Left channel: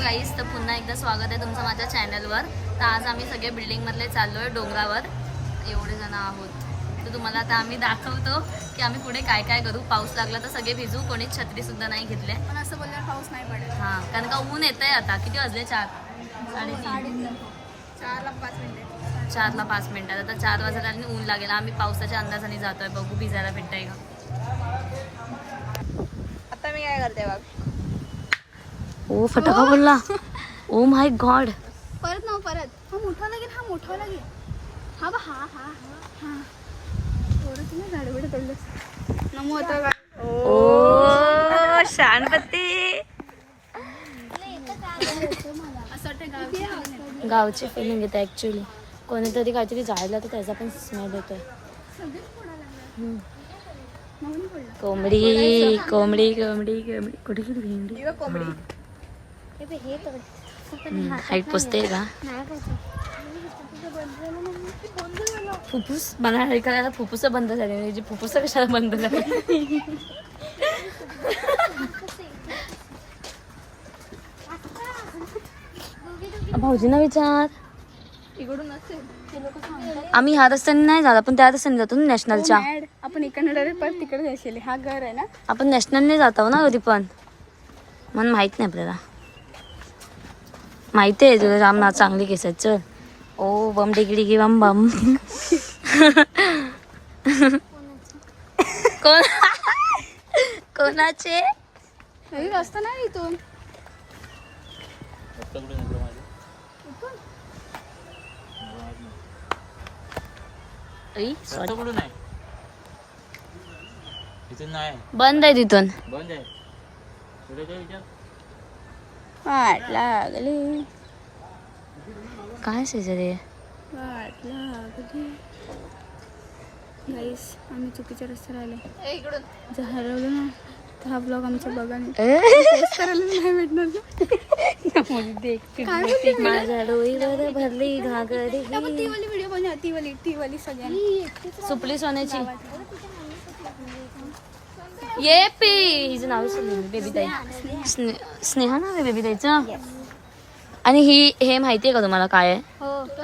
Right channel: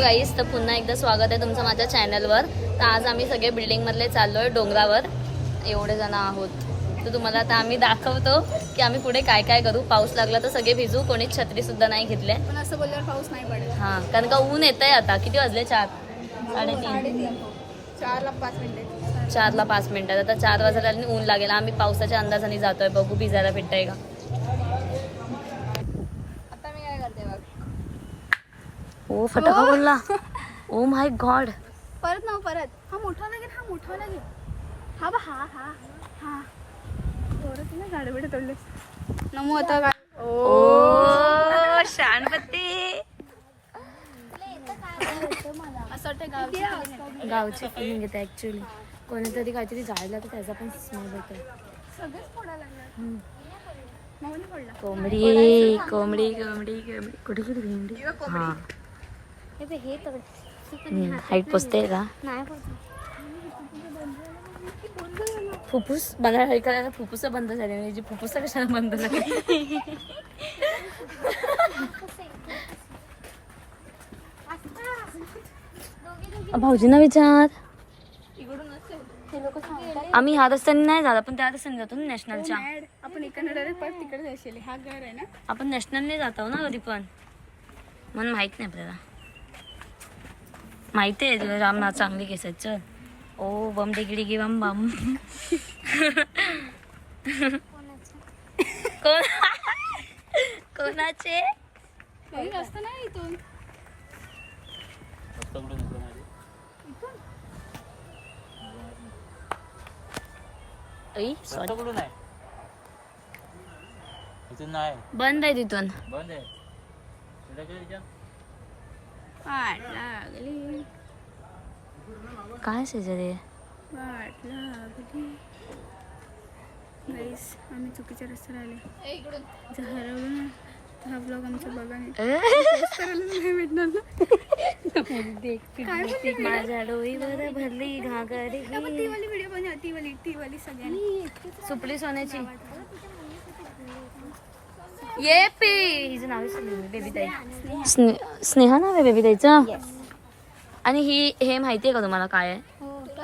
गाईस, तर पुन्हा एकदा स्वागत आहे तुमचं माझ्या चॅनलवर. तर आज आम्ही सगळे बिल्डिंगमधले चाललो आहे डोंगरावर, एवढे जण आहोत. तर तुम्हाला आता आम्ही दाखवतो की आम्ही पुढे काय काय करू. पाऊस लागला तर सगळे भिजू, कोणीच छत्रीसुद्धा नाही घेतले. पण असं बोलल्यावर पाऊस नाही पडेल. हां, कारण का ऊन येत आहे आता. किती वाजले? 4:30. 4ला 5 मिनिटे. 4ला 5 मिनिटात. आता 4 वाजता आणि ऊन लागेल. आम्ही पावसाच्या अंदाजाने जातोय, बघू भिजायला भेटतंय का. आता मी काय करते बघ. ओ फटाका बोलला. Oh my God. परत ना परत. हा मोठा लागेल, हा मोठा लागेल. हा बा, हा हा हा हा. थोडं तुम्ही झाडे बिडे तोडले. नमो आता काय. ओ शानपत्ती. असं वाटतं गावची फिलिंग येते ऍक्च्युली. कोणीतरी काहीतरी जायला तर त्याचा पण स्मेल येतोय. सगळेच फोडायला लागले. म्हणून पडला. कोंबडी कोंबडी कोंबडी कोंबडी कुठे कुठे कोंबडी. हा हाईट पोचते का. फुफ्फुस मला करायला फुफ्फुस बंद झाले म्हणजे फुफ्फुस कशाला बंद झाले. भाऊजींना विचार. इकडून असेल. आम्ही ह्या रस्त्याने नाही जात, आपण त्या रस्त्याने जातो ना नॅशनलच्या. आपण इकडनं डायरेक्ट परत तिकडे जायचे. हा घर आहे ना. आपण नॅशनलने जातो ना कधी पण. मला माहित नाही आपल्याला. माहिती आहे तुला राम चांगली केस आहेत. चल. ओ बम डिगडी गी बम बम. कोण कोणाचे रस्ता नाही इथून. बंद आहे तिथून. वाट लागली. काय शेजारी वाट लागली. गाईस, आम्ही चुकीच्या रस्त्यावर आले. जर हरवलं ना तर हा ब्लॉग आमच्या बघाने नाही भेटणार. माझ्या डोईवर भरली घागरी. ती वाली व्हिडिओ बनव. ती वाली सगळ्यांनी. सुपली सोन्याची. ये पी हिचं नाव बेबी ताई. स्नेहा नाव आहे बेबी ताईचं. आणि हे माहितीये का तुम्हाला काय आहे?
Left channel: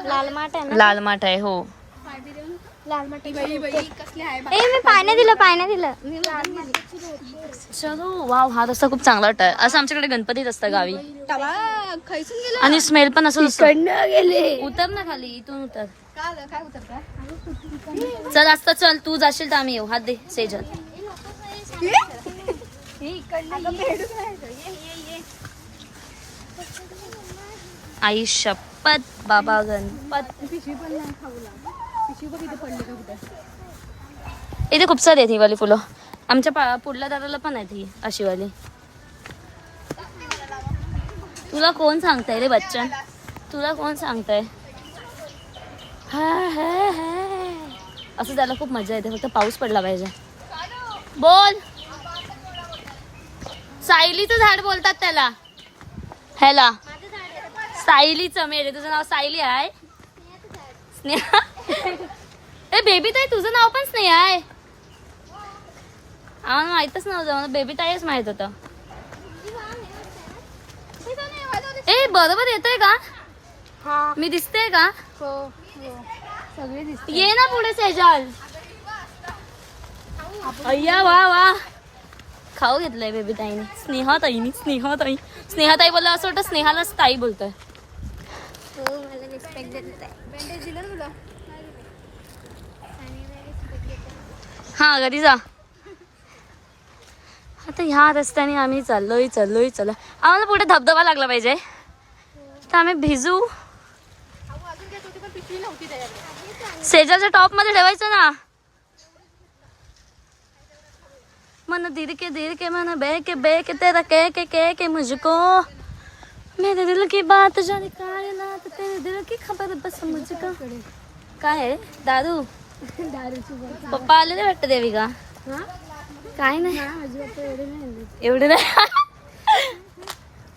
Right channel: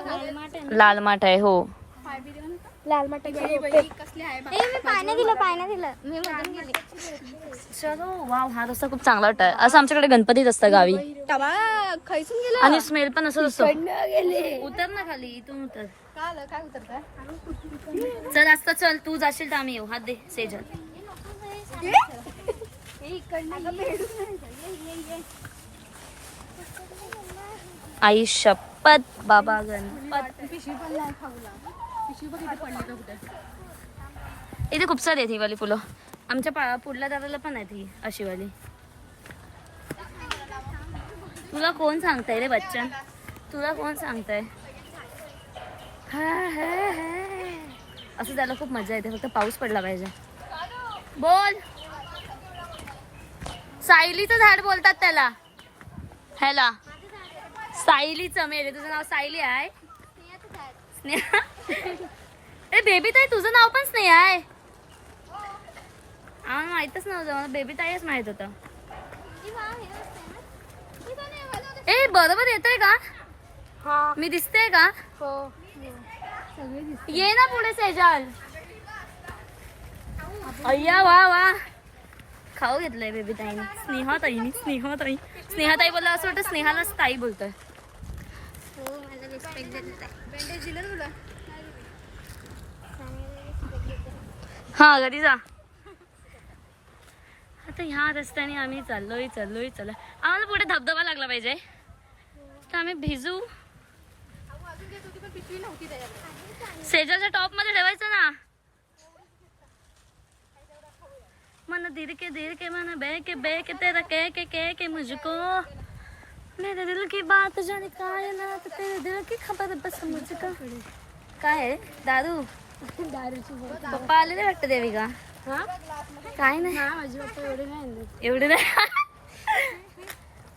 लाल माठ आहे. लाल माठ आहे. हो, लाल माठ. कसले आहे. मी पाणी दिलं. चलो वाव, हा रस्ता खूप चांगला वाटत. असं आमच्याकडे गणपतीच असतं गावी. आणि स्मेल पण असं असतं. उतर ना खाली, इथून उतर. चल असतं, चल तू जाशील तर आम्ही येऊ. हात दे सेजल. आई शपथ बाबा गणपत. इथे खूप सारी आहेत ही वाली फुलं. आमच्या पुढल्या दाराला पण आहेत ही अशी वाली. तुला कोण सांगताय रे बच्चन? तुला कोण सांगताय? असं त्याला खूप मजा येते, फक्त पाऊस पडला पाहिजे. बोल. सायलीचं झाड बोलतात त्याला. ह्याला सायलीचं. मेरे तुझं नाव सायली आहे? स्नेहा. ए बेबी ताई, तुझं नाव पण स्नेहा आहे? आम्हाला माहितच नव्हतं. मला बेबी ताईच माहित होतं. ए बरोबर येतोय का? मी दिसते का? ये ना पुढे सेजल. अय्या वा वा. खाऊ घेतलंय बेबी ताईने. स्नेहा ताई बोलला असं वाटतं स्नेहालाच ताई बोलतोय. हा घरी जा. आता ह्या रस्त्याने आम्ही चाललोय. आम्हाला पुढे धबधबा लागला पाहिजे तर आम्ही भिजू. सेजाच्या टॉप मध्ये ठेवायचं ना. मन दिल के मन बे के तेरा के मुझको. मेरे दिल की बात जाने कायनात, तेरे दिल की खबर बस मुझको. काय आहे? दारू. पप्पा आलेले वाटतं देविका. काय नाही एवढी नाही.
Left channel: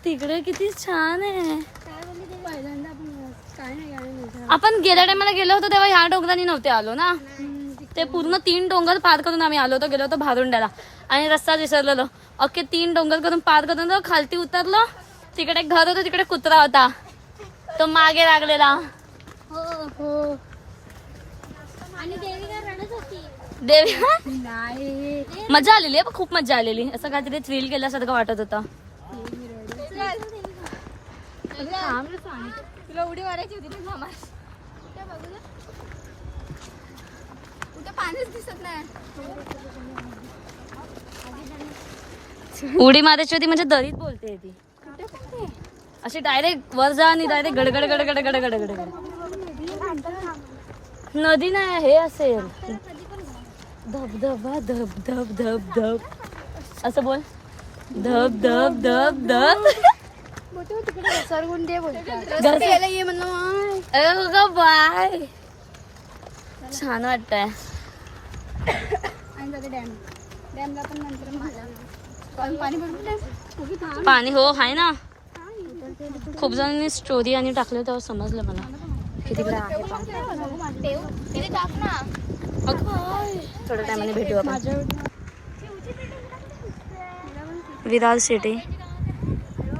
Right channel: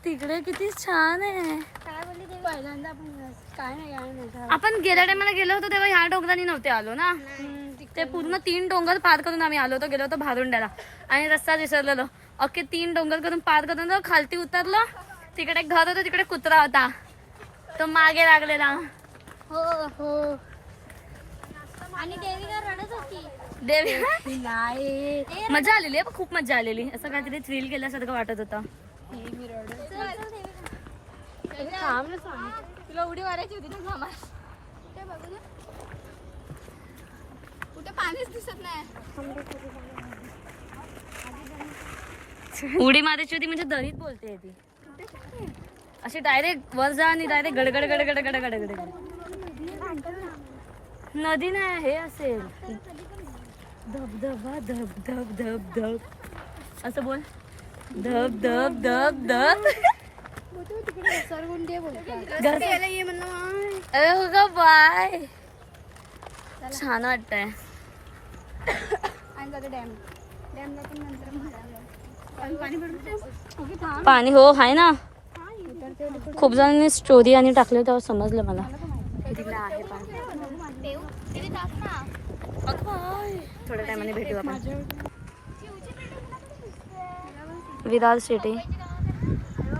तिकडे किती छान आहे. आपण गेल्या टायमाला गेलो होतो तेव्हा ह्या डोंगरांनी नव्हते आलो ना. ते पूर्ण 3 डोंगर पार करून आम्ही आलो होतो. गेलो होतो भारुंड्याला आणि रस्ता विसरलेलो. अख्खे 3 डोंगर करून पार करून खालती उतरलो. तिकडे घर होतं, तिकडे कुत्रा होता, तो मागे लागलेला. हो. आणि देवीला रडत होती. देवी नाही. मजा आलेली आहे, खूप मजा आलेली. असं काहीतरी थ्रिल केल्यासारखं वाटत होतं. तुला उडी मारायची होती ना मामा. कुठे पाणीच दिसत नाही. उडी मारायची होती म्हणजे दरीत बोलते ती. कुठे पण ते? अशी डायरेक्ट वर जा आणि डायरेक्ट गडगड गडगड गडगड गडगड. नदी नाही, हे असेल धबधबा धब धब धब धब. असं बोल, धब धब धब धब. ये म्हणलं माय. अरे ग बाय, छान वाटतंय. आणि जाते डॅमला पण नंतर पाणी भरपूर. पाणी हो आहे ना. खूप जणांनी स्टोरी आणि टाकले, तेव्हा समजलं मला की तिकडे आहे पाणी. अगं बाय, थोड्या टायमाने भेटू आपण. विरार सिटी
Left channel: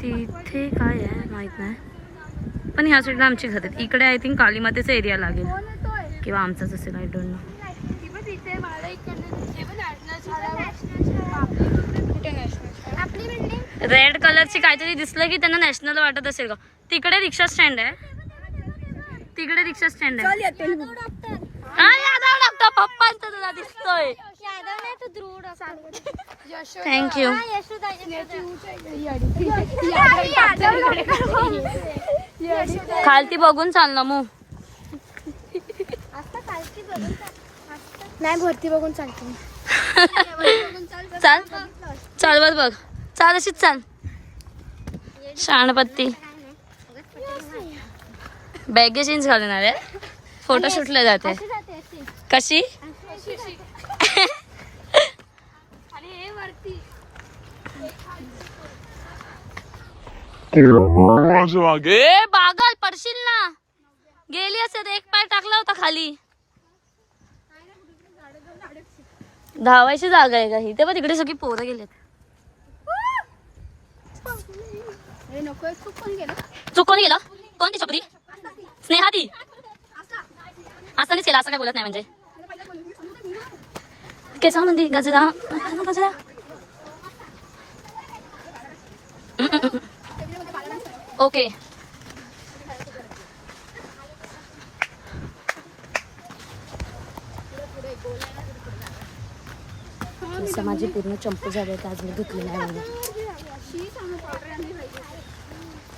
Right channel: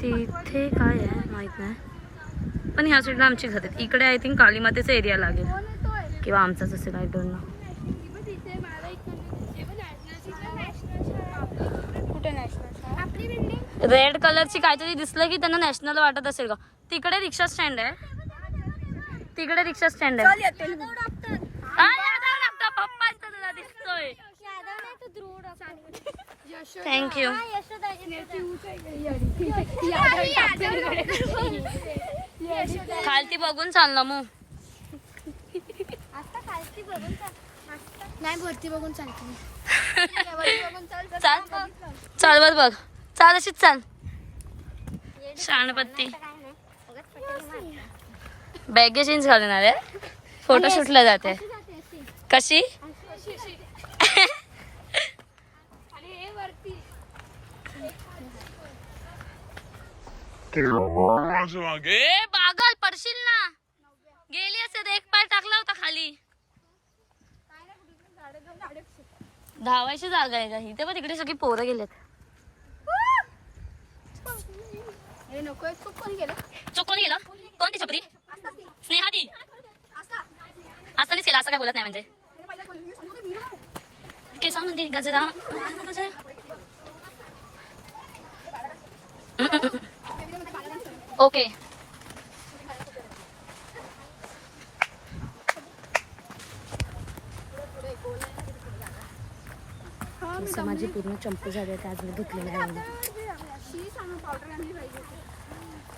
तिथे काय आहे माहित नाही, पण ह्या साईडला आमची घर आहेत. इकडे आय थिंक कालीमातेचा एरिया लागेल किंवा आमचाच असेल, आय डोंट नो. रेड कलरची काहीतरी दिसलं की त्यांना नॅशनल वाटत असेल का. तिकडे रिक्षा स्टँड आहे, तिकडे रिक्षा स्टँड आहे. यादव पप्पांचा तुला दिसतोय. थँक्यू. खालती बघून चाल ना मग. नाही भरती बघून चालते. चाल चाल वर बघ, चाल अशीच चाल. शाणपत्ती बॅगे चेंज घालून आले, फोटोशूटला जाते. कशी बागल पडशील ना. गेली असत, एक पाय टाकला होता खाली. धावायची जागा आहे का ही? तेव्हा तिकडे सगळी पोरं गेलेत. चुकून गेलं. कोणती छपरी? स्नेहा ती असं नाही केलं, असं काय बोलत नाही म्हणजे. केसा म्हणते गजरा गजरा. ओके माझी पूर्ण चंपू झाले, आज मी धुतलेला आहे.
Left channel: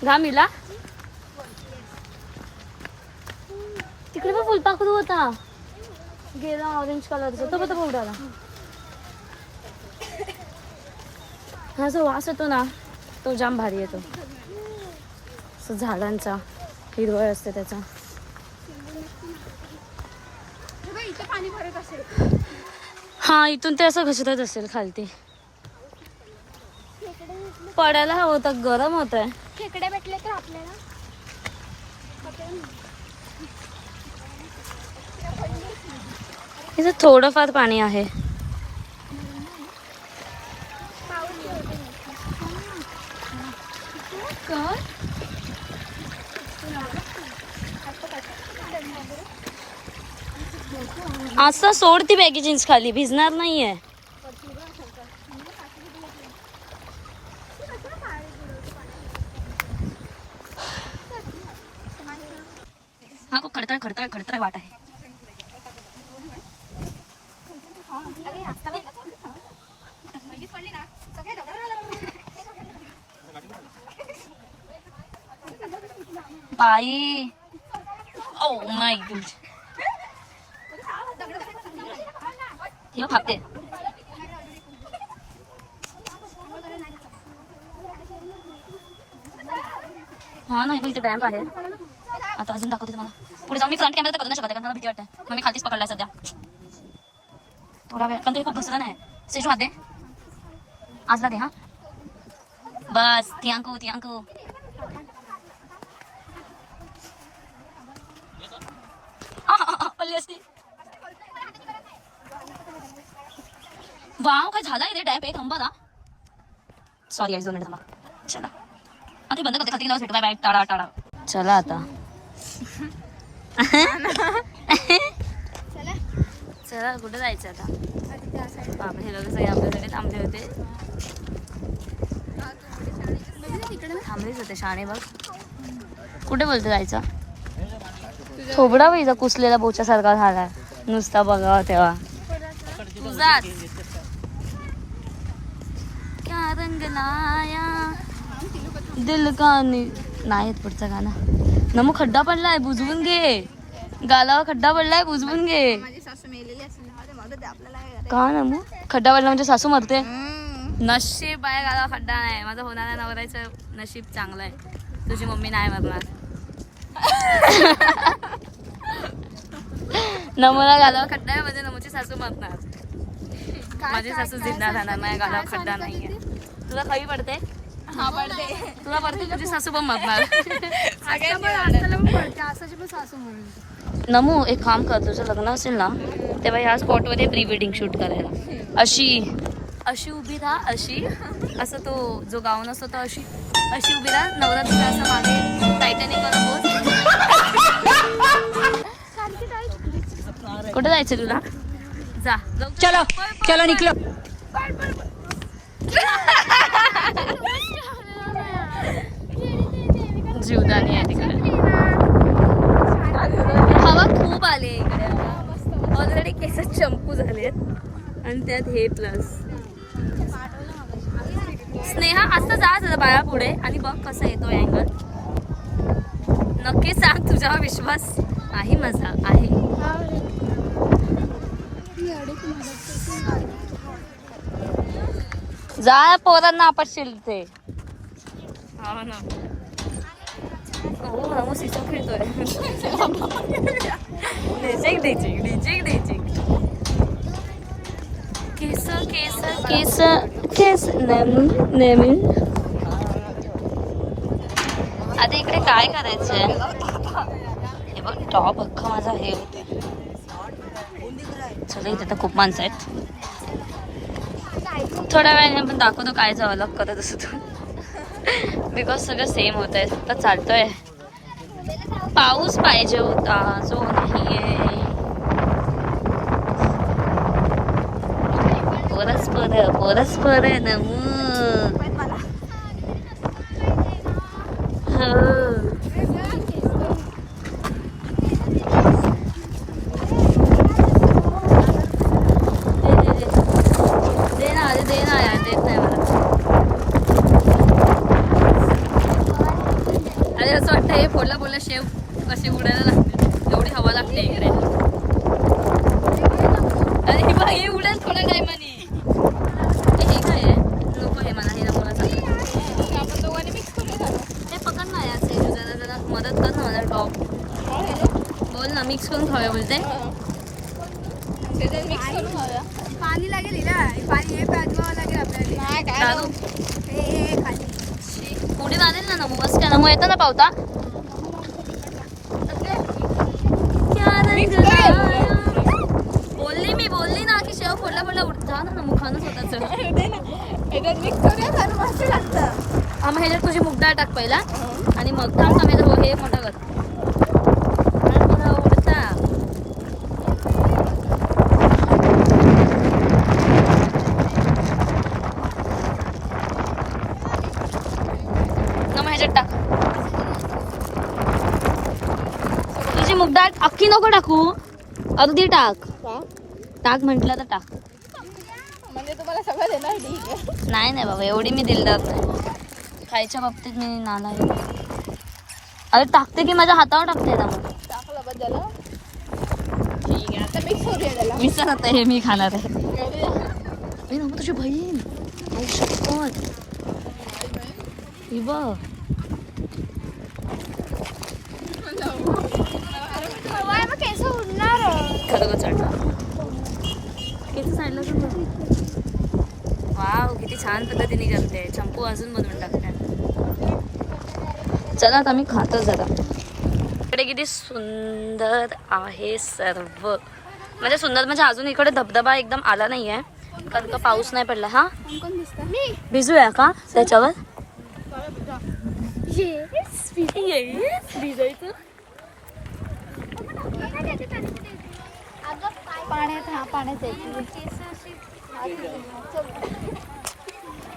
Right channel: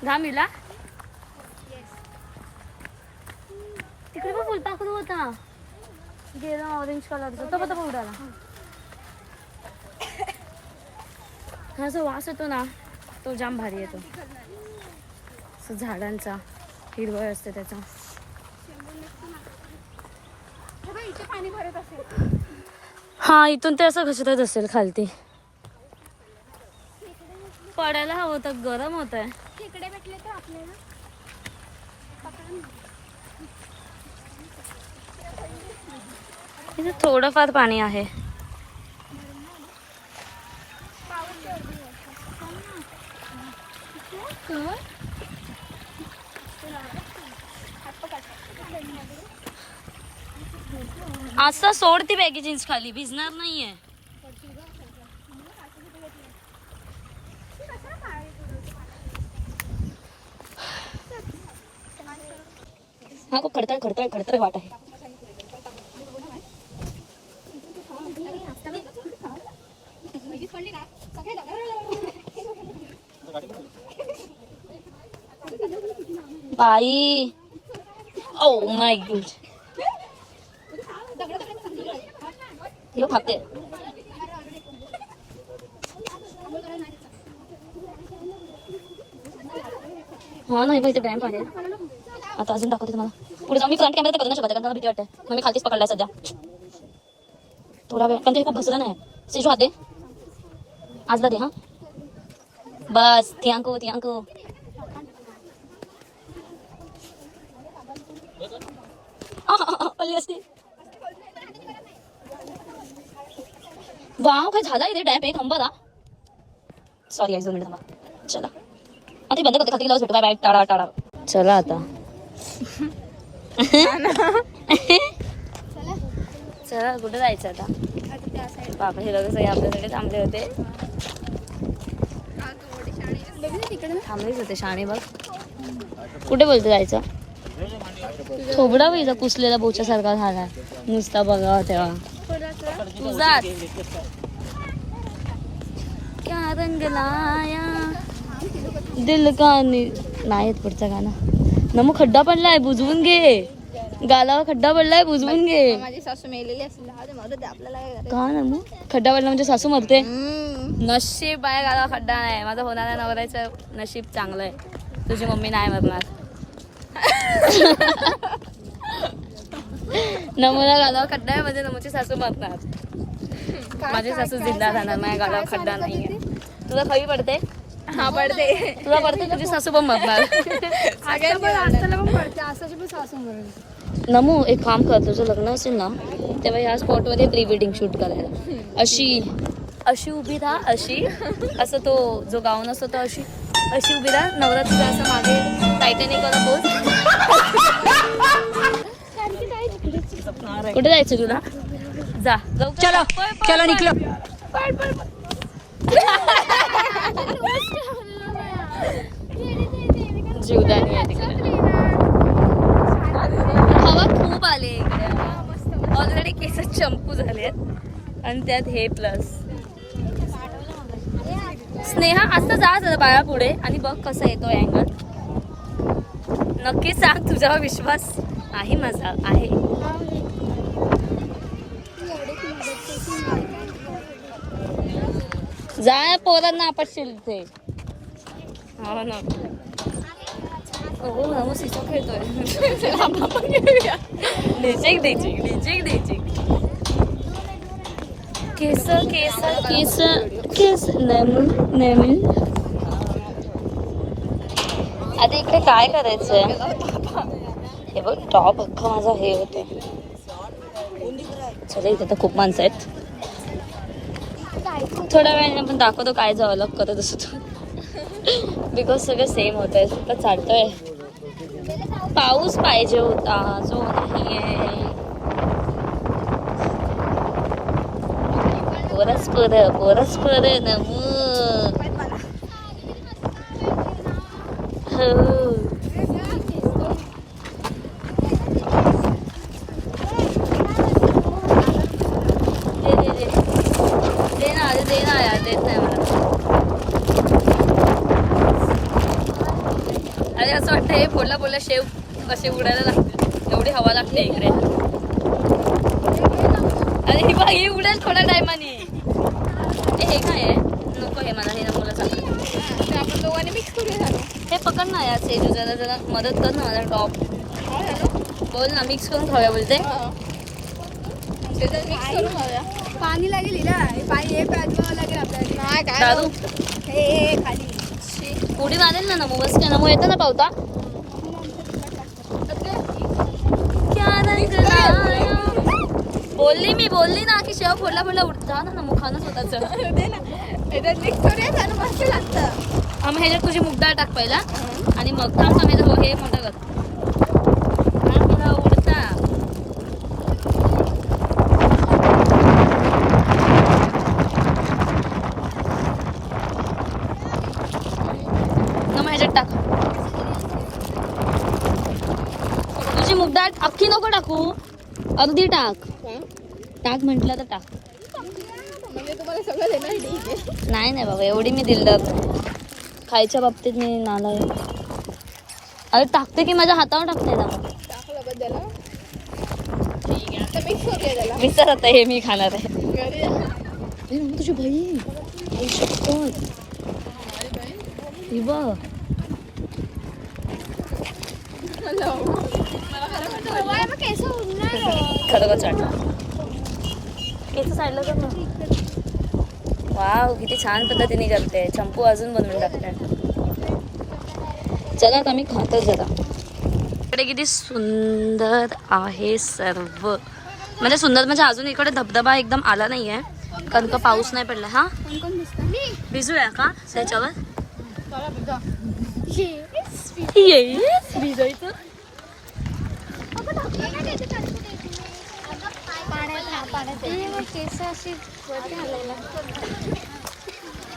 घामीला तिकडे पण फुलपाखरू होता, गेला ऑरेंज कलरचा. तो पण उडाला. हा जो वास येतो ना, तो जाम भारी येतो. झाडांचा हिरवळ असते त्याचा. पाणी भरत असेल. हा, इथून ते असं घसरत असेल खालती. पडायला हवं होतं, गरम होत आहे. खेकडे भेटले तर आपल्याला. इथं थोडंफार पाणी आहे. असं सोड ती बॅगी जीन्स खाली, भिजणार नाहीये. हा खूप खडतर खडतर खडतर वाट आहे. बाई, ओ माय गॉड, हे फाकते. हा नाही इथे डॅम्प आहे. आता अजून दाखवते तुम्हाला पुढे जाऊन. मी फ्रंट कॅमेरा तर करू नाही शकत, कारण मला भीती वाटते. मग मी खालतीच पकडलाय सध्या थोडा वेळ, कारण ते खूप घसरा नाही. सेजू हात दे, आजला दे. हा बस, थियांको थियांको. पल्ली असते. वाव, काय झालं इथे डॅम्प आहे. थांबा ना, सॉरी 1-2 मिनिट थांबा. चला ते बंद करते खाते गेल्यावर भेटू. बाय बाय, टाळा टाळा. चला आता चला कुठे जायचं आता? बापरे, हे लोक सगळे आपल्यासाठी थांबले होते. थांबलेच होते शाणे बघ. कुठे बोलतो जायचं? थोबडा पाहिजे कुसलेला बोच्यासारखा झाला नुसता बघा तेव्हा. तुझाच क्या रंग लाया दिल का नाही येत पुढचं गाणं. नमू खड्डा पडलाय बुजवून घे. गालावर खड्डा पडलाय बुजवून घे. माझी सासू मेलेली असेल आपल्याला काय का नमू खड्डा पडला म्हणजे सासू मरते? नशीब आहे गालावर खड्डा नाही. माझं होणाऱ्या नवऱ्याचं नशीब चांगलं आहे. तुझी मम्मी नाही मरणार. नमूला गालावर खड्डा आहे म्हणजे नमूची सासू मरणार. माझी सासू जिंदा राहणार. माझ्या गालावर खड्डा नाहीये. तुला खवी पडते? हा पडते. तुला पडते? तुझी सासू पण मरणार. नमू एक काम कर, तुझं लग्न असेल ना तेव्हा ह्या स्पॉटमध्ये प्री वेडिंग शूट करायला. अशी अशी उभी राहा. अशी असं तो जो गाऊन असतो तो अशी अशी उभी राहा. नवरा तुझा असं मागे टायटॅनिक वाला बोल. कुठे जायचं तुला? जा चलो चलो निकलो. जीवदानी आहे तिकडे. हवा खूप आली इकडे. ऑलरेडी केस चंपू झालेत आणि त्यात हे प्लस. स्नेहा असं जा जरा बाळा पुढे आणि बघ कसा येतो अँगल. नक्की सांग, तुझ्यावर विश्वास आहे माझा आहे. जा पोरांना आपटशील ते. हो ना. हो नमो सिसो खेळतोय. डिचेक डिचेक डिचेक डिचेक. केस केस केस केस नेहमी. आता इकडे काय करायचंय? हे बघ टॉप अख्खा माझा हे होते. चला इथे तर खूप माणसं आहेत. थोड्या वेळाने आपण दाखवतो काय जावं लग करत असतो. बिकॉज सगळं सेम होत आहे. आता चालतोय. पाऊस पाहिजे होता जो नाहीये. परस्पर नमू. दे ना यार, देत नाही मला. अरे असं वाटतं हे फोडला फोडला शेव कसे उडायला लागते. एवढी हवा लागते इकडे. अरे हे बघ हे उडेल थोड्या टायमाने. हे काय आहे? नको हे मला हे ना मुलं सांग. आपण दोघांनी मिक्स करूया. हे पकड ना यार सेजू, जरा जरा मदत कर ना मला. टॉप बोल ना, मिक्स करून खाऊया बोलते. पाणी लागेल हिला. पाणी हे प्याजवावं लागेल आपल्याला. दादू हे खाली उडी मारेल ना नमू. बस काय नमू येतं ना पावता. क्या रंग लाया. बोलली ना की शेव फोडला फोडला जा ना नमू खाणं स्वतःच. मिक्स करूया. खाणं मस्त लागतं. हा मग ह्याच्यात तुझी मुगडाळ टाक पहिला आणि मग थांब थांब हे मोठं कर. उडता ह्याच्यात टाक. तुझी मुगडाळ अख्खी नको टाकू, अर्धी टाक. टाक म्हटलं तर टाक. म्हणजे तुम्हाला सगळं देणार. ठीक आहे. नाही बाबा एवढी मी दिलदार नाही. खायच्या बाबतीत मी नाला. अरे टाकते की माझ्या हातावर टाकते ना मग. टाकलं बद्दल ठीक आहे. आता मिक्स करूया त्याला. मिक्सर आता हे मी खाणार आहे. हे ना तुझी बहीण आई शपथ. ही बघ केस उडणार. खरं का चाट केस साईडला कर ना. वाव किती छान पद्धतीने करते. चंपू अजून बनवून टाकते. चला आता आम्ही खातो जरा. इकडे किती सुंदर आहे सर्व. म्हणजे सुंदर म्हणजे अजून इकडे धबधबा एकदम आला नाहीये कारण का पाऊस नाही पडला. हा कोण दिसतं? भिजूया का त्याच्यावर? भिजायचं.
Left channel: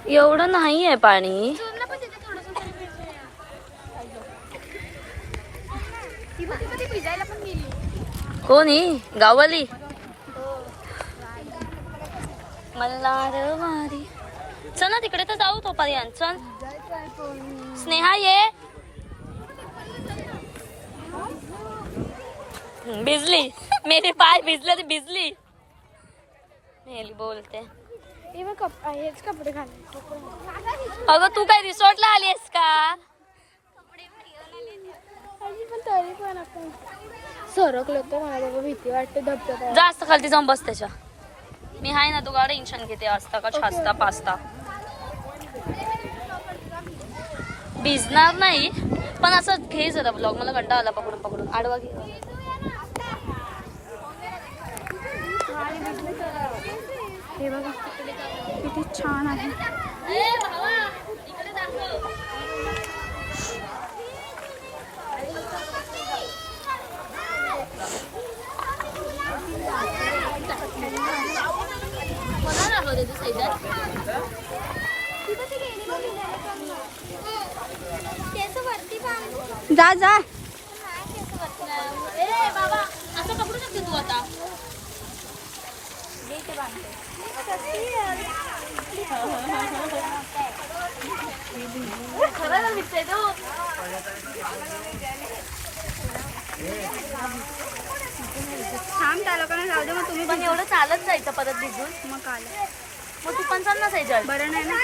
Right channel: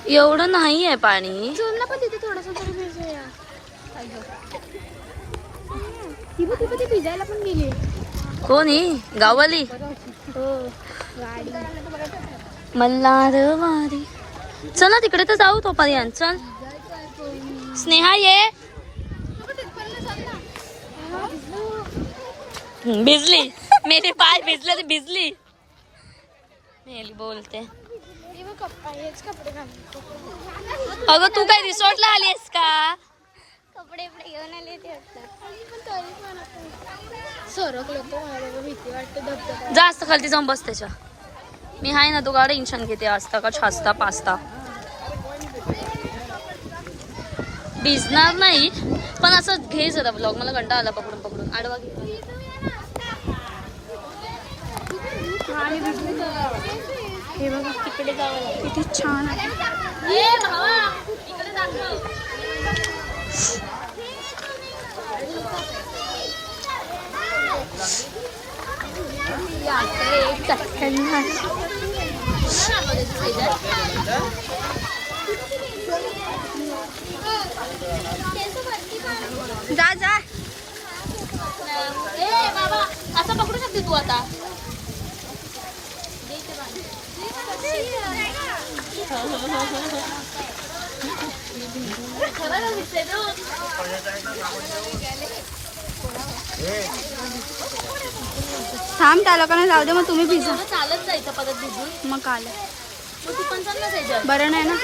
एवढं नाही आहे पाणी. पण तिथे थोडंसं तरी भिजूया. ती भिजायला पण गेली. कोणी गाववाली मल्हारवाडी. चल ना तिकडे तर जाऊ तोपर्यंत. चल स्नेहा ये. भिजली. मेरे पाय भिजले तर भिजली. मेली बोलते. अगं तू काय रिसॉर्टला आलीस का? कपडे घेऊन आले ते सरकलो तर मला भीती वाटते धबधबा. जास्त खालती जाऊन बस त्याच्या. मी हाय ना, तू का टेन्शन घेते. असता का छास्ता पास्ता भिजणार नाही पण असं घे जरा ब्लॉग. मला कंटाळा आला पकडून पकडून. आडवा घे. हे बघा तिकडे किती छान आहे. जा जा. ए बाबा असं पकडू शकते तू आता. थांब त्या लोकांना जाऊ दे. मग तुम्ही पण भिजू. एवढं चालत जायचं परत भिजून. मग काल मग तू पण चाल ना साईजर. बरं नाही ना.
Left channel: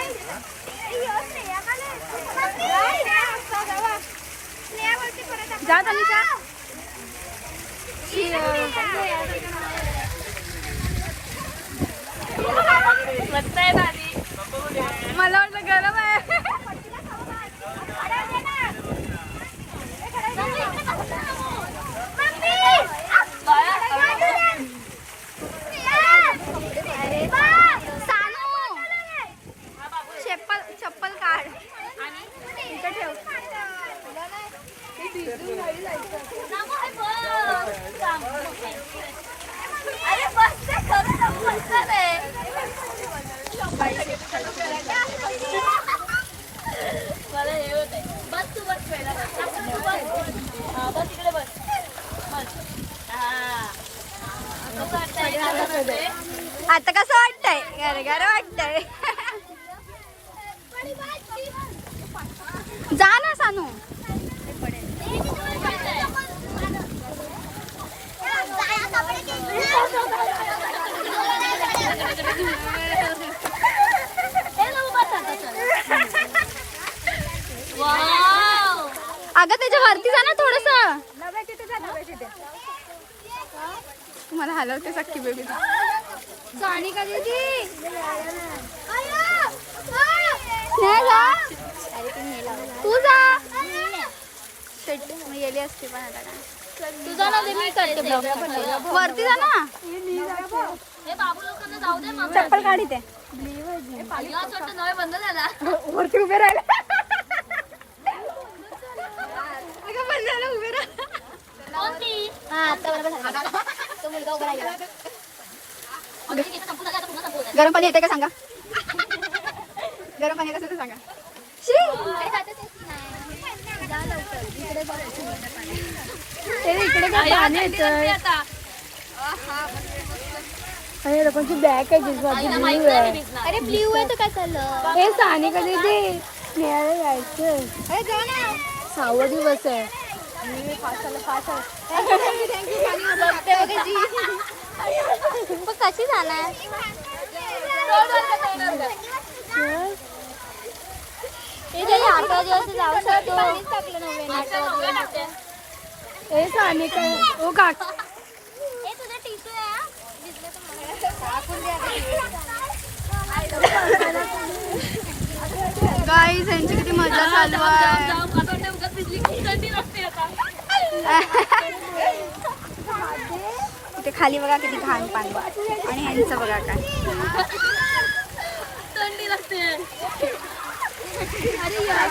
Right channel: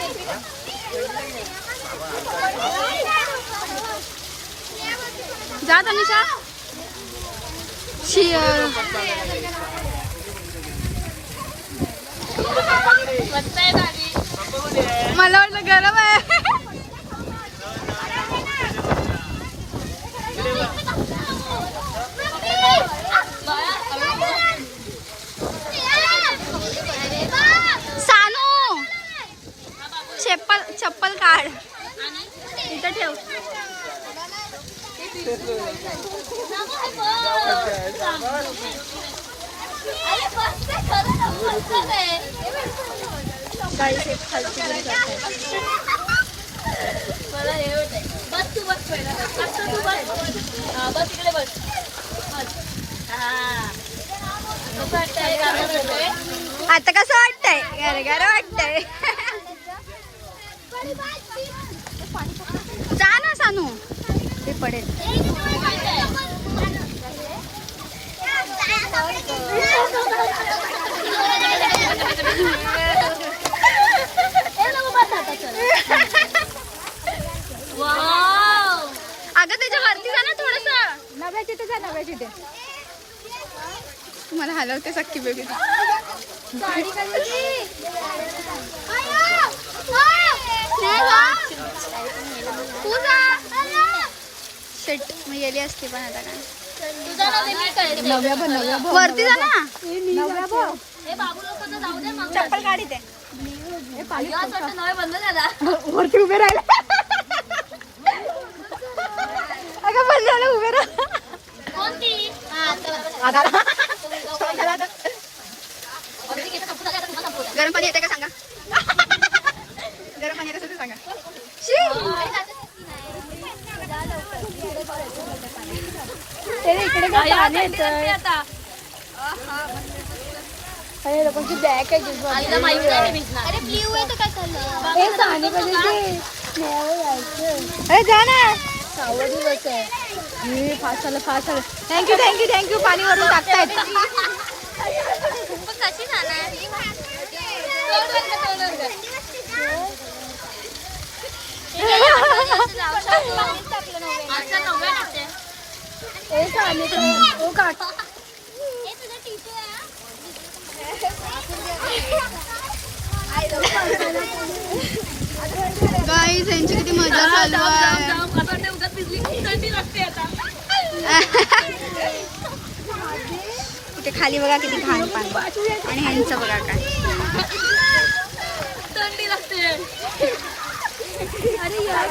जा तनिषा. मला वाटलं गरम आहे. सानू चप्पल काढ इथं ठेव. मला हे होतंय. बस तू बस पहिला. आता तू बस. बस इकडे बस. बस. कसं वाटतंय? गारवा वाटतंय? आता कसं वाटतंय? गार वाटतंय. जा ना सानू. ते पडेल. अगं त्याच्या वरती जा ना थोडस. तुम्हाला हलवते सख्खी बेबी. तू जा. शेट मी गेली असते पण आता काय. वरती जा ना. बाबू लोकांना जाऊ दे मग. चप्पल काढी ते. असं वाटतं नळ बंद झाला. वरती उभे राहिला. अगं बंद झालं. उभे राहा. कोणती? गरम पाणी येते का सांगा. गरम पाणी येत असेल तर सांगा. आता आईला माहित नाही मी भिजणार. अरे जा ना. थँक्यू. पाणी वरून टाकता येते. कशी जाणार? गाईज यांची किती मजा चालू आहे. इथे खाली बघा किती घाण पाणी. आणि ह्यांचं बघा काय. थंडी लागते. अरे यार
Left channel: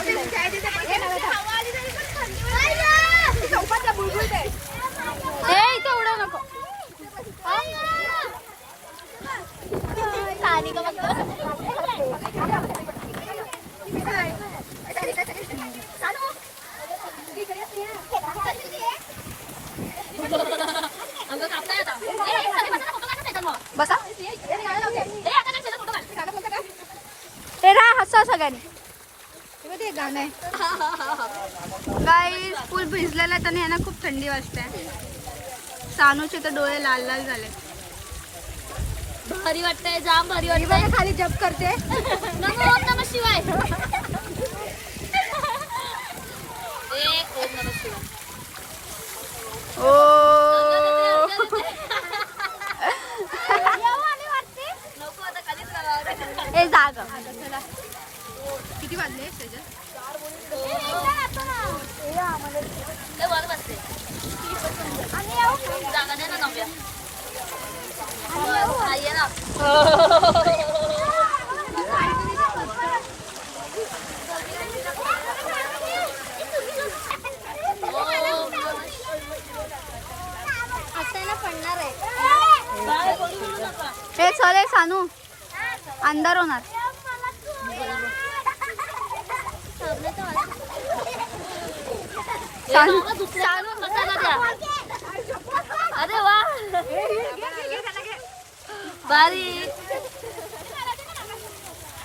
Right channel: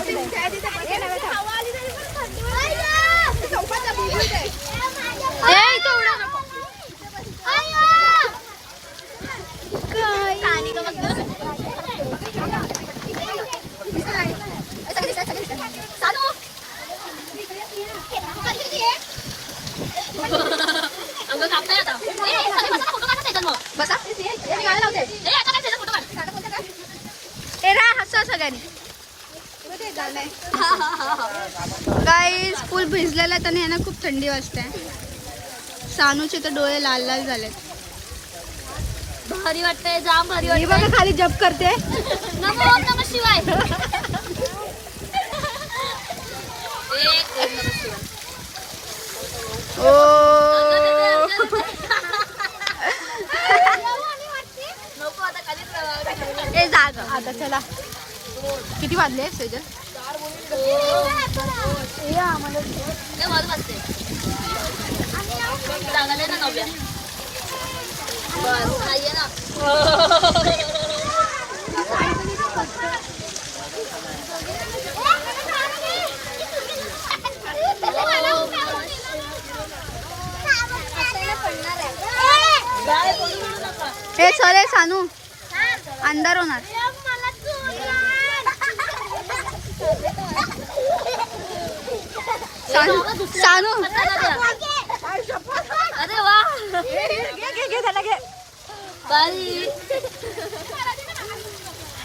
सगळ्यांनी. गाईस फुल भिजलेला आहे आणि यांना खूप थंडी वाजते. सानूचे तर डोळे लाल लाल झालेत. भारी वाटतंय, जाम भारी वाटतंय. खाली जप करते. नमो नमः शिवाय. ओम नमः शिवाय. ओ नको आता खालीच राहावं. ए जाग आता चला. किती वाजले सेजल? वाजत असते जागा दे ना नव्या. बस ये ना. हे चल सानू अंधार होणार. सानू अरे वा बारी.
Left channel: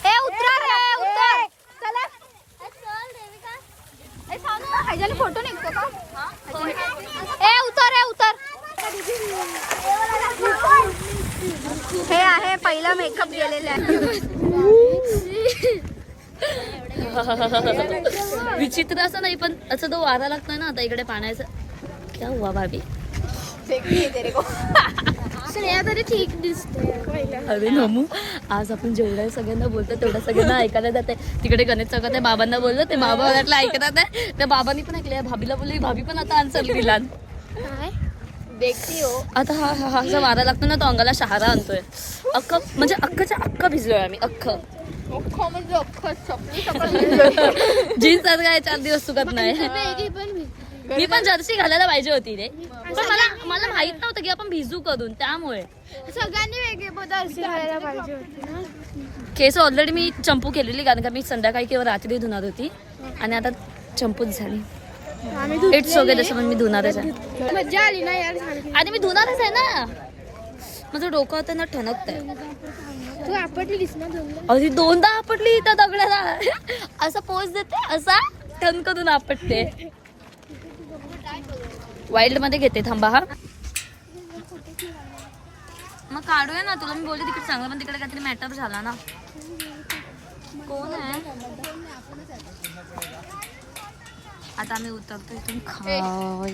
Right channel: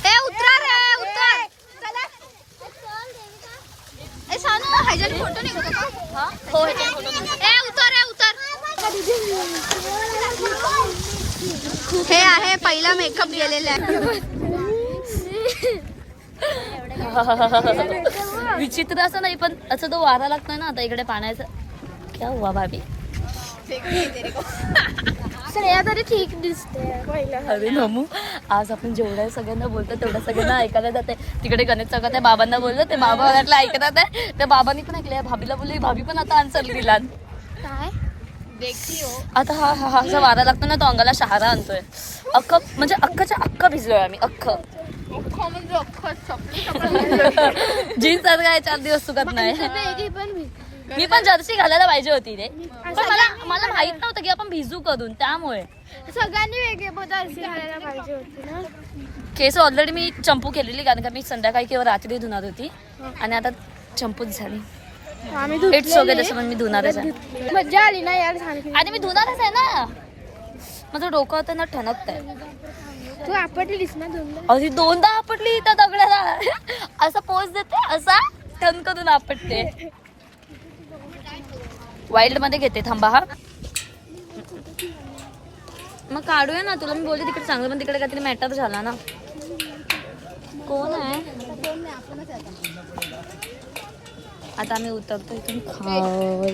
ए उतरा रे उतर. ए सानू ह्याच्याने फोटो निघतो का? हो ए उतर ए उतर. हे आहे पहिला मेकअप गेलेला आहे. विचित्र असं नाही पण असं तो वारा लागतोय ना आता इकडे पाण्याचा. क्या हुआ भाभी? तरी ठीक दिसते. अरे नमू आज आपण जेवढ्या सगळ्यांना बोलतो तेवढ्या सगळ्यांना ऐकायला जाते. तिकडे गणेश चौकात आहे, बाबांना बोललो ते बाबा वाटलं ऐकतात आहे. त्या बाबांनी पण ऐकले, भाभीला बोलली, भाभी पण आता आन्सर दिला. काय आता हा हा असा वारा लागतो ना तो अंगाला शहारा आणतोय. अख्खं म्हणजे अख्खच्या अख्खं भिजलोय आम्ही. अख्खं जीन्स सारखं आहे 4 दिवस सुकत नाही. मी पण जर्सी घालायला पाहिजे होती रे, पण मला माहित नव्हतं की आपण भिजू करून, त्यामुळे सगळ्यांनी वेगळे बदल घालायला पाहिजे होती ना. केस ऑलरेडी मी चंपू केलेली कारण का मी संध्याकाळी किंवा रात्री धुणार होती आणि आता चंपूच झाली. इट्स ओके तसं पण मी धुणारच आहे. मज्जा आली ना यार. आणि मी धुणारच आहे ना. माझं डोकं होतं ना ठणकत आहे. तू आपटलीस ना. अरे 2दा आपटली त्या दगडाला. असा पोज देते असा ठणकून आपटते. वाईल्ड मध्ये घेते थांबा. हा मग काढूया ना. तुला मी बोलते तिकडे चांगलं पण तिकडे काहीतरी मॅटर झाला ना. कोण आहे आता? आम्ही उतरतो इथून खाली.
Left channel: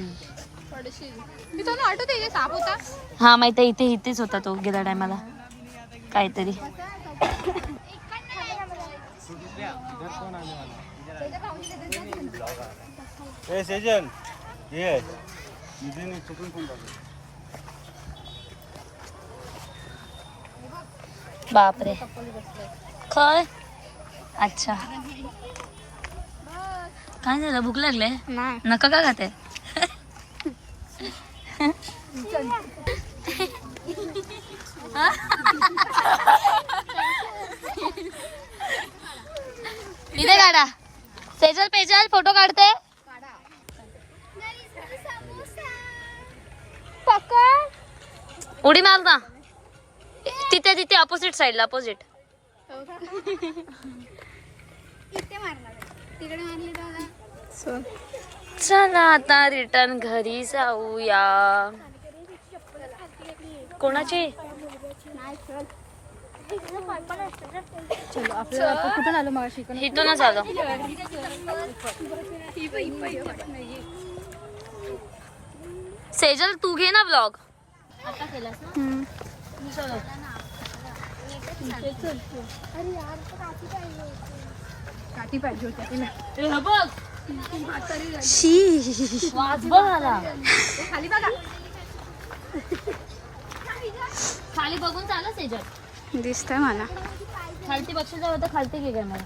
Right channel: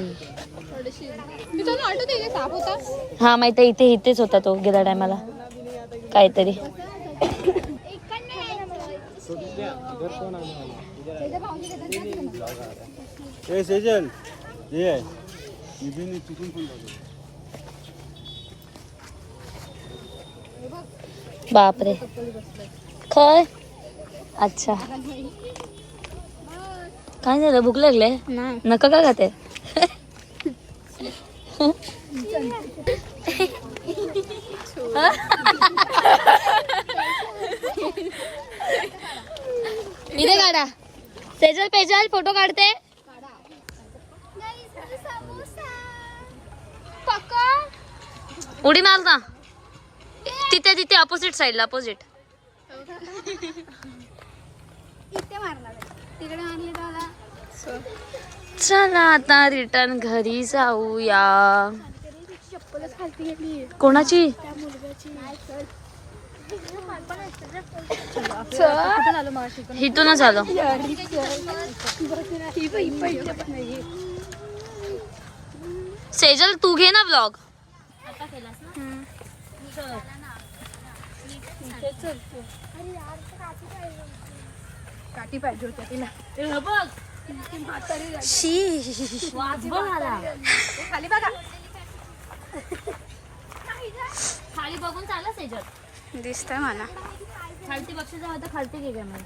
मी तो ऑटो त्याचे साप होता. हा माहिती आहे, इथेच होता तो गेल्या टायमाला काहीतरी. बापरे काय? अच्छा काय झालं? भूक लागले? नका का खाते? इथे काढा. सेजल पेजल फोटो काढते. उडी मार ना. तिथे तिथे अपोजिट साईडला. अपोजिट इथे मारला तिकडे मारली त्याला. चला आता रिटर्न घरी जाऊया. चप्पलच खालती गेली. कोणाची? इथूनच आलो. सेजल तू घे ना ब्लॉग. आता केलास ना. काठी पाहिजे होत्या तुला. वाज बघ आला. खाली बघून चाला सेजल. दिसतंय मला. खालती बक्ष जाऊ तर खालती घे कॅमेरा.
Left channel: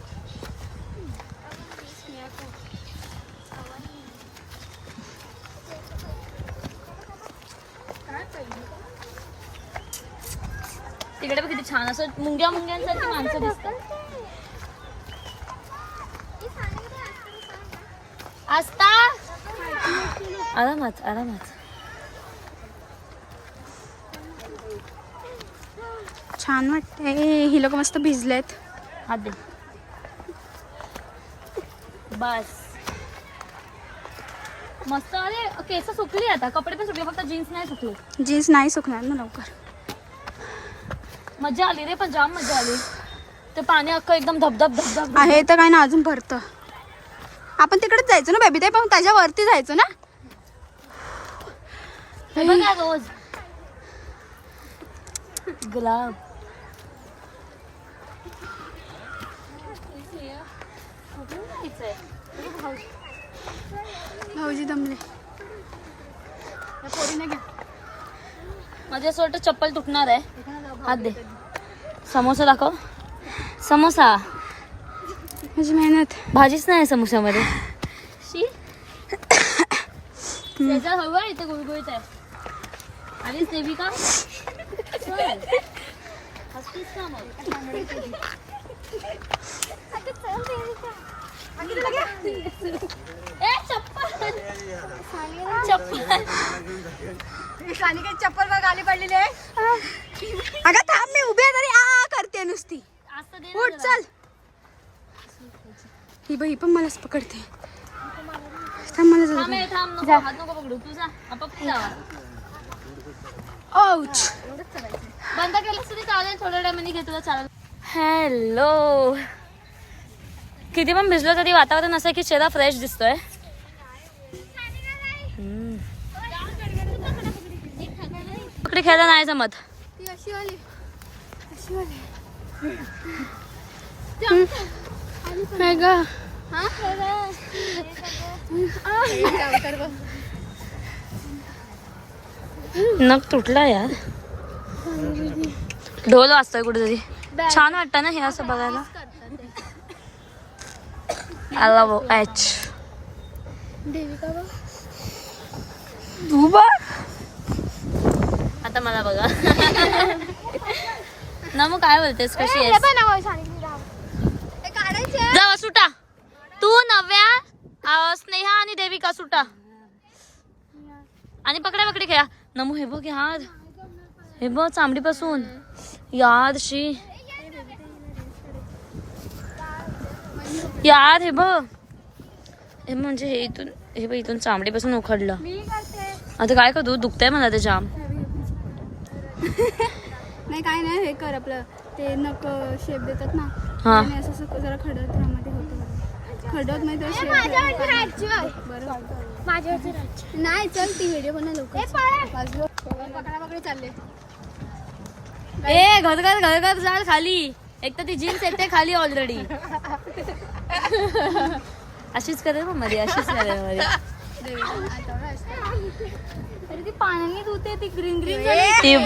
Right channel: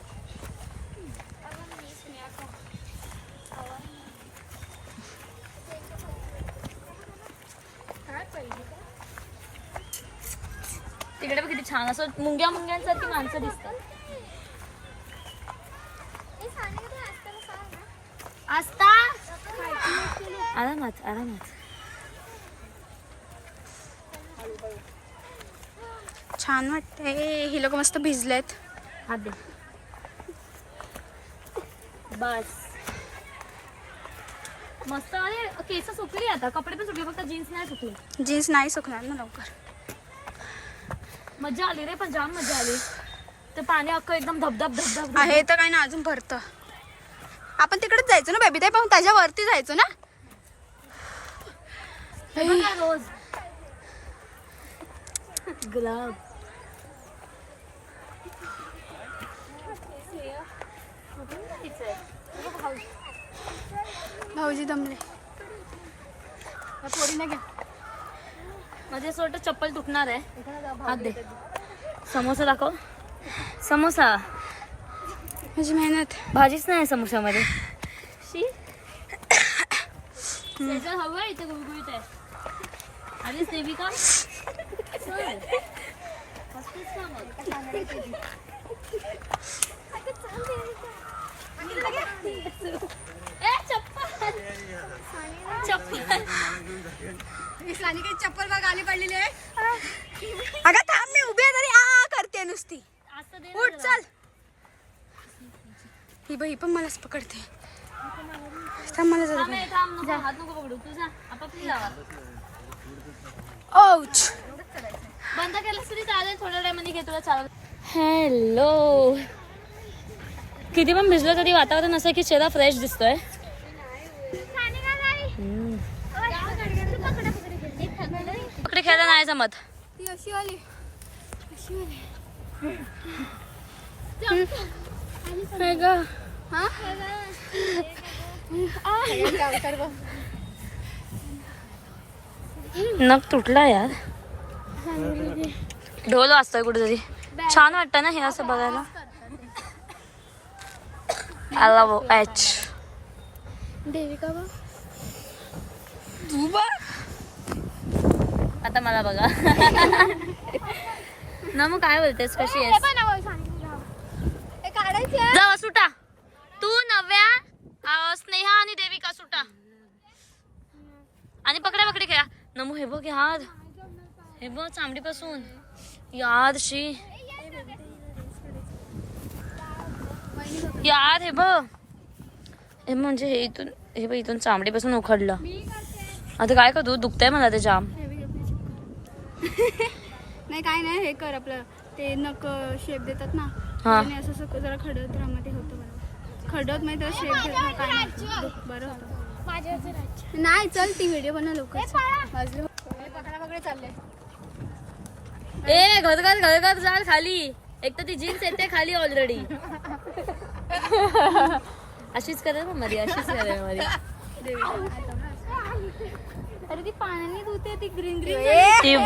तिकडे बघ किती छान असं मुंग्यांसारखी माणसं दिसतात. आस्था आरामात आरामात. छान वाटतंय. ही लोक मस्त भिजलेत. हात दे. बस मस्त. अरे केस सुकली आता, कपडे पण सुकले, फक्त जीन्स नाही सुकले. जीन्स नाही सुकणार ना लवकर. मजा आली रे, पण जाम मजा आली. ते पाणी अख्खं एकदम धबधब धबधब आहे तर काय ना अजून भरतं. आपण तिकडेच जायचं ना बेबी ताई, पण त्याच्यावरती जायचं ना. हे बघा रोज गुलाब. भाऊजी दमले. माझं असं वाटतं चप्पल तुटणार आहे. हात दे. समोसा दाखव. समोसा. माझी मेहनत. भाजीच नाही समोस्यामध्ये. शी त्याचा हवं इथे गुळगुळीत आहे. आधीच देविका चप्पल गाडी पडलेली आहे. अगं थांब, मी उभी आहे तरी आ करते नुसती. उठ चल. ही बाई पण मलाच पकडते. थांब मला जाऊ दे. हात नको पकडू तुझा. आपण जावा. औच. बंद केलं तरी चालेल, थोड्या टायमाने घेतलं चालेल. हॅलो. किती पण भिजलो तरी वातावरण असं की चेहरा फ्रेश दिसतोय. पकडे खेळायला नाही जमत. नख तुटला यार. ढोल वाजतोय कुठेतरी. छान वाटतं ना हे असं बघायला. I love H. तू बघ आता मला बघा ना. मग काय बोलतेस, कशी आहेस? जावा सुटा. तू नव्या, स्नेहा आणि देविका सुटा आणि पकडा पकडी खेळा. नमू हे बघ यार, हे बघ चांबडीपासून यार. शी यार हे बघ, हे म्हणजे हे इथून, हे बघ इथून चांबडीपासून उखडलं. आता काय करू, दुखतंय मला ते जाम. नाही काय नाही, हे कर आपलं ते नक शेप देतात ना. हा. असं जरा खडत रामध्ये होतं. खडत नाही तर शेप बरं. नाही चल, ती व्हिडिओ बनव लवकर. पकडापकडी चालले. ए घर घर घर घर जाल खाली. एक तर ती जीन्स येते खाली ऑलरेडी. अशीच करेल मग मध्ये, अशीच करेल मध्ये. अरे ती पाण्याने धुते, ती ग्रीन ग्रीन ती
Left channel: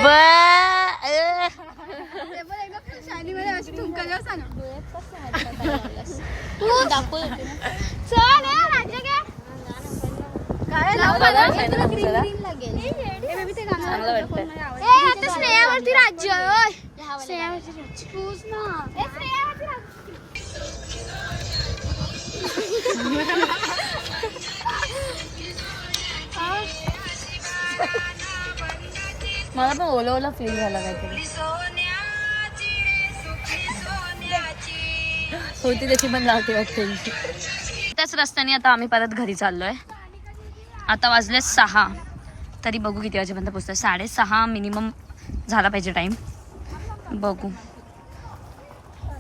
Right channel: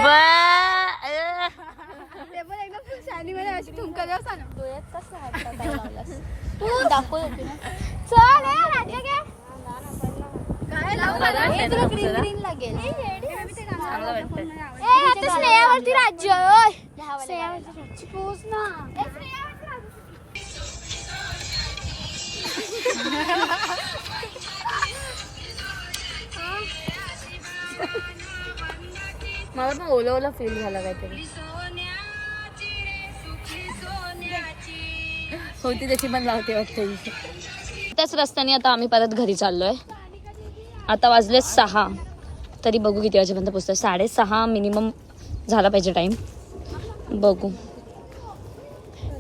चांगलं वाटतं. स्नेहावरती राज्य. मला पण ओला ओला फील झाला काहीतरी. होती त्याची पण लावते वाटते. त्याच रस्त्याने आता आम्ही परत घरी चाललोय. आता वाजले 6, तरी बघू किती वाजेपर्यंत पोहोचतोय. 6:30 मिनिमम झाला पाहिजे टाइम. बघू.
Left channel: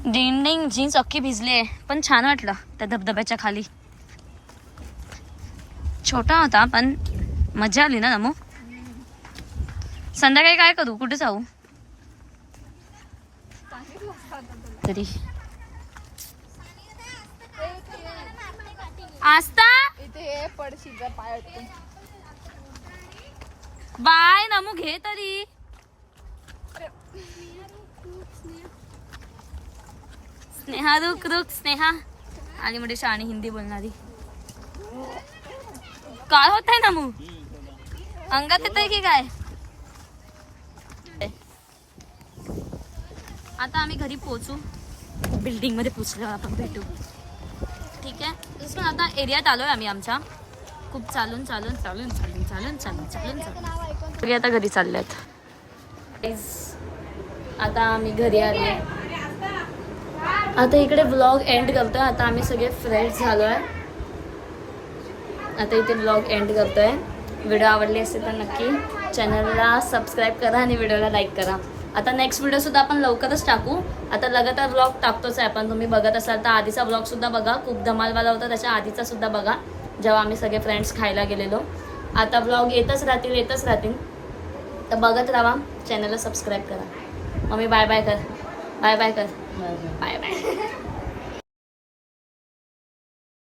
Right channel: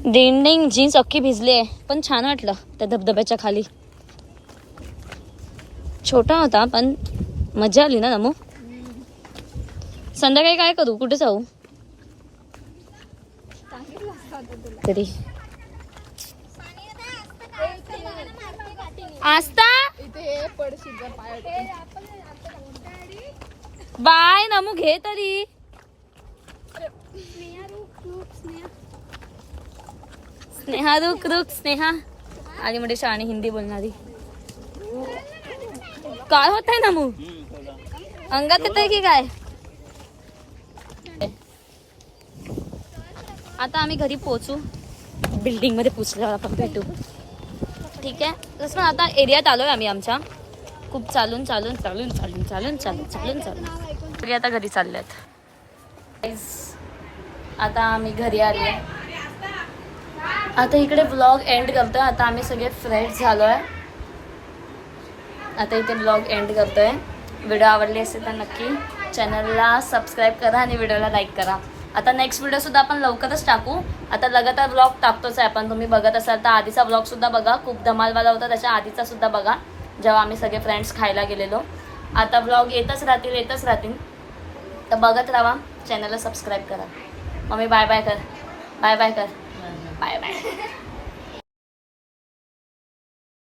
डेंडिंग जीन्स अख्खी भिजली आहे, पण छान वाटलं त्या धबधब्याच्या खाली. छोटा होता पण मजा आली ना नमू. संध्याकाळी काय करू, कुठे जाऊ तरी. आस्था बाय नमू, घे तरी. स्नेहा रुक रुक. स्नेहा आली म्हणजे शाणी हिंदी बोलणारी. काय होत आहे नमू, अंगात येत आहे की काय? आता आम्ही घरी पोहोचू. बिल्डिंग मध्ये पोहोचल्यावर आपण भेटू. ठीक आहे. पण आता एरियात आलोय आम्ही आमच्या. खूप चालून चालून चालून चालून चालून चालून चालून चालून तरी आता घरी चालल्यात. आता आम्ही घरी आले. आता इकडे व्लॉग एंड करतोय. आता आम्ही सगळे फ्रेश झालोय. आता इथे ब्लॉग एंड करतोय. व्हिडिओ आवडली असेल तर नक्की चॅनलला सबस्क्राईब करा आणि व्हिडिओला लाईक करा. आता नेक्स्ट व्हिडिओसुद्धा आपण लवकरच टाकू. आता लगातार ब्लॉग टाकतोच आहे आपण. तुम्ही बघत असाल तर आधीचा ब्लॉगसुद्धा बघा, खूप धमालवाला होता. त्याच्या आधीचा सुद्धा बघा, जेव्हा आम्ही सगळे फ्रेंड्स खायला गेलेलो. आता ब्लॉग येतच राहतील. तर बघत राहा. चॅनलला सबस्क्राईब करा. मम्मी बाय बाय कर. बाय बाय कर. Bye bye.